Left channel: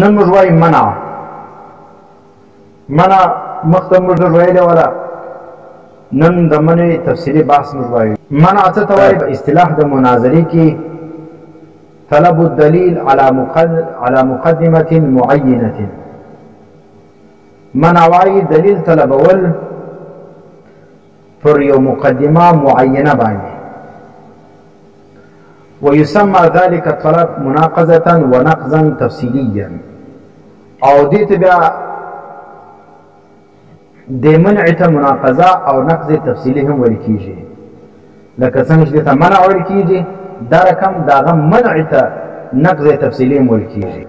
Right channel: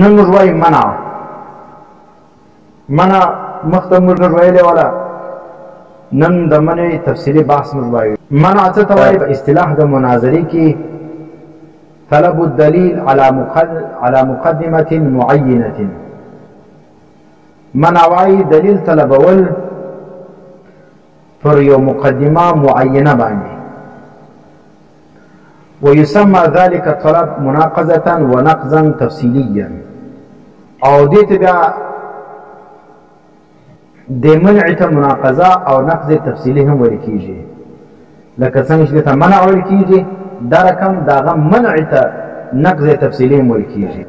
نن موږ وایو منع مخته موږ ویلې ولا نن د منع تفصیلي بحث موږ وایو. منع څه ته وایي؟ په اصطلاح د مناظرې کې طلب الدلیل على مقدمة معینة. منع وایي دلیل طلبول پر یو مقدمه معینه باندې. ويسمى ذلك الطلب مناقضة ونقضا تفصيليا. او دې ته بیا د منع ته مناقضه او نقض تفصیلي هم ویل کیږي. لکه څنګه چې ته منع ویل کیږي دا رقم داغه منع ته نقض تفصیلي هم ویل کیږي.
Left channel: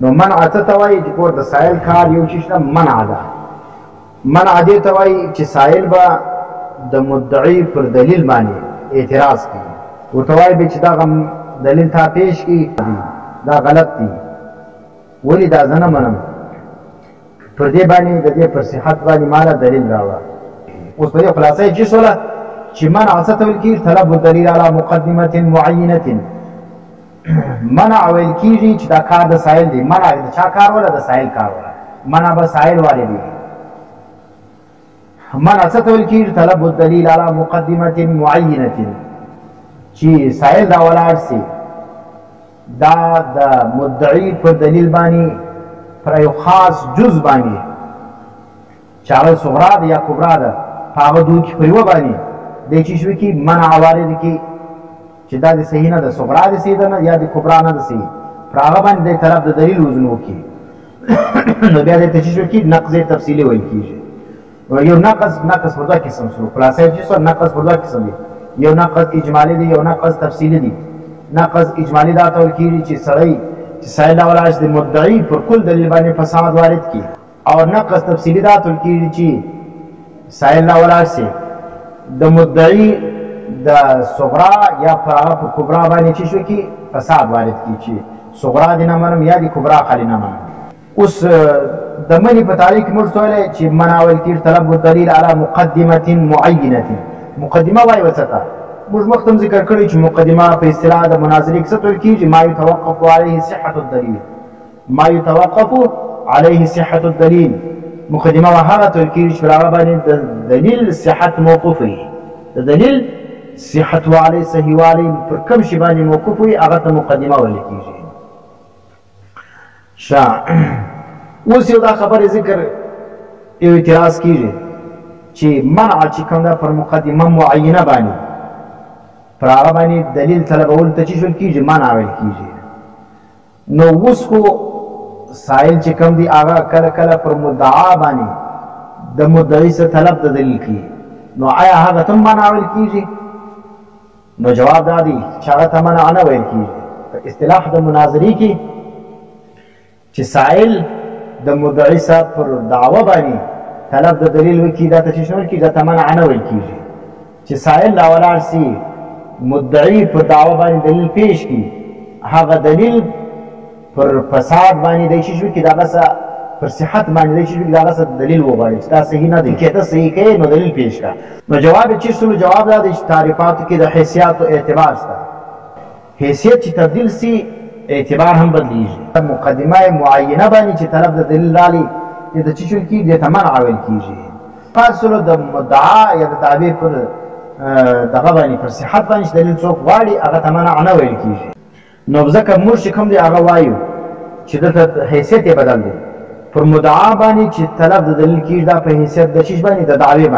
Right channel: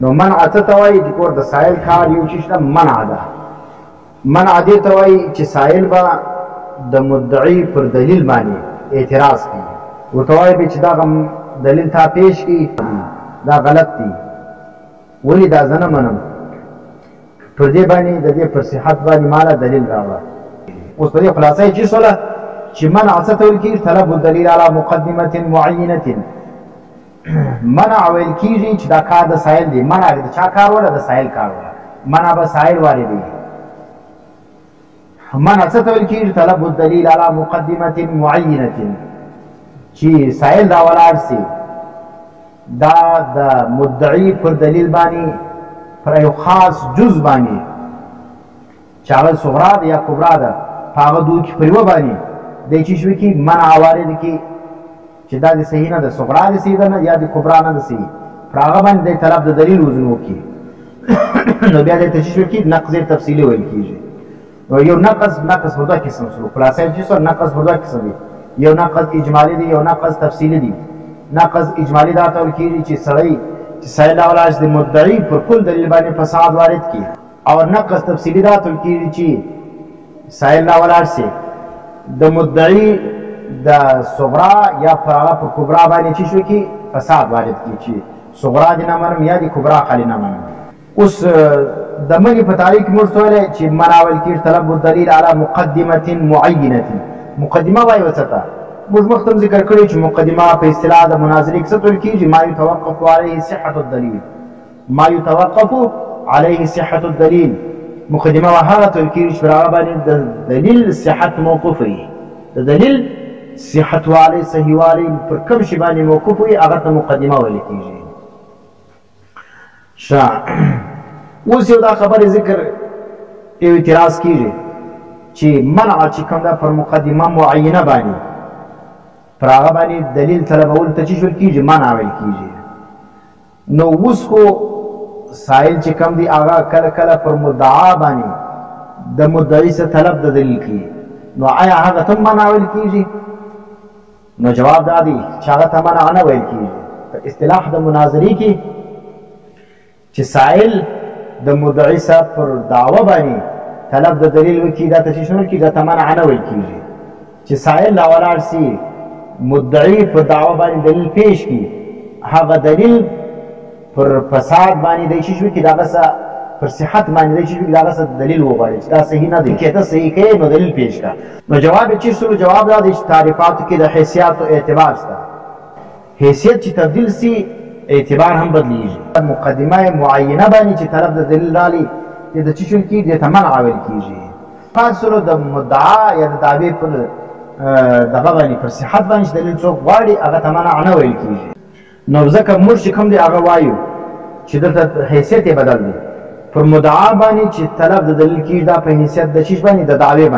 نو منع څه ته وایي؟ چې کور د سائل کار یو چیز نه منع ده. منع دې ته وایي چې سائل به د مدعي پر دلیل باندې اعتراض کوي، ورته وایي چې دا دلیل تا پیش کی دا غلط دی، ولی دا زه نه منم، پر دې باندې د دې پر صحت باندې مالا دلیل راوړه. اوس په دې خلاصه چې سوله چې منع څه ته ویل کېږي؟ طلب الدلیل علی مقدمة معینة. منع ویل کېږي چې دا کار د سائل دی. منع د چا کار ولا د سائل کار ولا؟ منع به سائل والی دی. منع څه ته ویل کېږي؟ طلب الدلیل علی مقدمة معینة، چې سائل دا ولاړ سي دا د مدعي پر دلیل باندې پر یو خاص جز باندې چې هغه صغرا ده یا کبرا ده په هغه دوی کې پر یوه باندې دی چې شوي کې منع وارد کړي چې دا د صحیح نه ده، صغرا د صحیح ده نه یا د کبرا نه ده صحیح، پر هغه باندې د طلب د دلیل وزن وکړي. نو بیا د تشریح کې نقض تفصیلي ویل کېږي. یو نقض په دوه قسم شو. خلاصه چې څو نقض په دوه قسم دي، یو نقض اجمالی دی، یو نقض تفصیلی دی. نقض اجمالی دا ته ویل کېږي چې سړی چې سائل راولاړ د مدعي پر کل دلیل باندې فساد وارد کړي، او نقض تفصیلی دا ته ویل کېږي چې سائل راولاړ سي د مدعي د صغرا یا پر هغه پر کبرا باندې چې شو کې فساد وارد کړي، چې صغرا دې نه منم یا د کبرا خالي نه منم. اوس د منع په تاریخ موږ ویلی چې منع ویل کېږي طلب الدلیل علی مقدمة معینة. مقدمه وایي ورته ته موږ مخکې هم ذکر کړی چې مقدمه په اصطلاح د مناظرې کې څه ویل کېږي؟ ما یتوقف علیه صحة الدلیل. ما یتوقف علیه صحة الدلیل. مقدمه هغه ته ویل کېږي چې پر هغه باندې د دلیل صحت موقوف وي، د دلیل صحت والی صحیح والی پر کوم شي باندې موقوف وي هغه ته مقدمه ویل کېږي. ښه، اوس یو دا خبرې ذکر یو اعتراض کېږي چې منع چې کوم دا پر مقدمه معینه باندې پر هغه باندې دلیل طلبول ته چې ویل کېږي منع ویل کېږي. نو اوس خو سائل چې کوم دی هغه کله کله پر مدعا باندې د مدعي څخه طلب د دلیل کوي، نو آیا هغه ته منع ویل کېږي؟ نو جواب دا دی چې هغه ته منع نه ویل کېږي. په اصطلاح د مناظرې کې چې سائل د مدعي څخه پر دعوه باندې طلب د دلیل وکړي دا ته چې شنو کېږي دا ته منع نه ویل کېږي. چې سائل راولاړ سي مدعي پر دعوه باندې دلیل پیش کړي، هغه دلیل پر فساد باندې دی چې شو کې دغه څه پر صحت باندې دی چې شو کې دغه څه دلیل وغواړي چې دا صحیح نه دی، که ته صحیح کوې نو دلیل پیش کړه. نو جواب چې سلو جواب دا دی چې تعریفاتو کې د حیثیاتو اعتبار شته. حیثیت چې تبدیل سي اعتبار هم بدلیږي. مقدمه معینه باندې چې طلب د دلیل رالي د چې شو کې د منع ویل کېږي. فاصله د مدعا یا د دعوی پر دغه باندې پر صحت باندې دلیل څوک غواړي هغه ته منع نه ویل کېږي. نو ځکه موږ چې کوم دی هغه وایو چې دلته حیثیت یې بدل دی. پر مدعا باندې چې طلب د دلیل کېږي دا په حیثیت د چیز باندې د دعوی باندې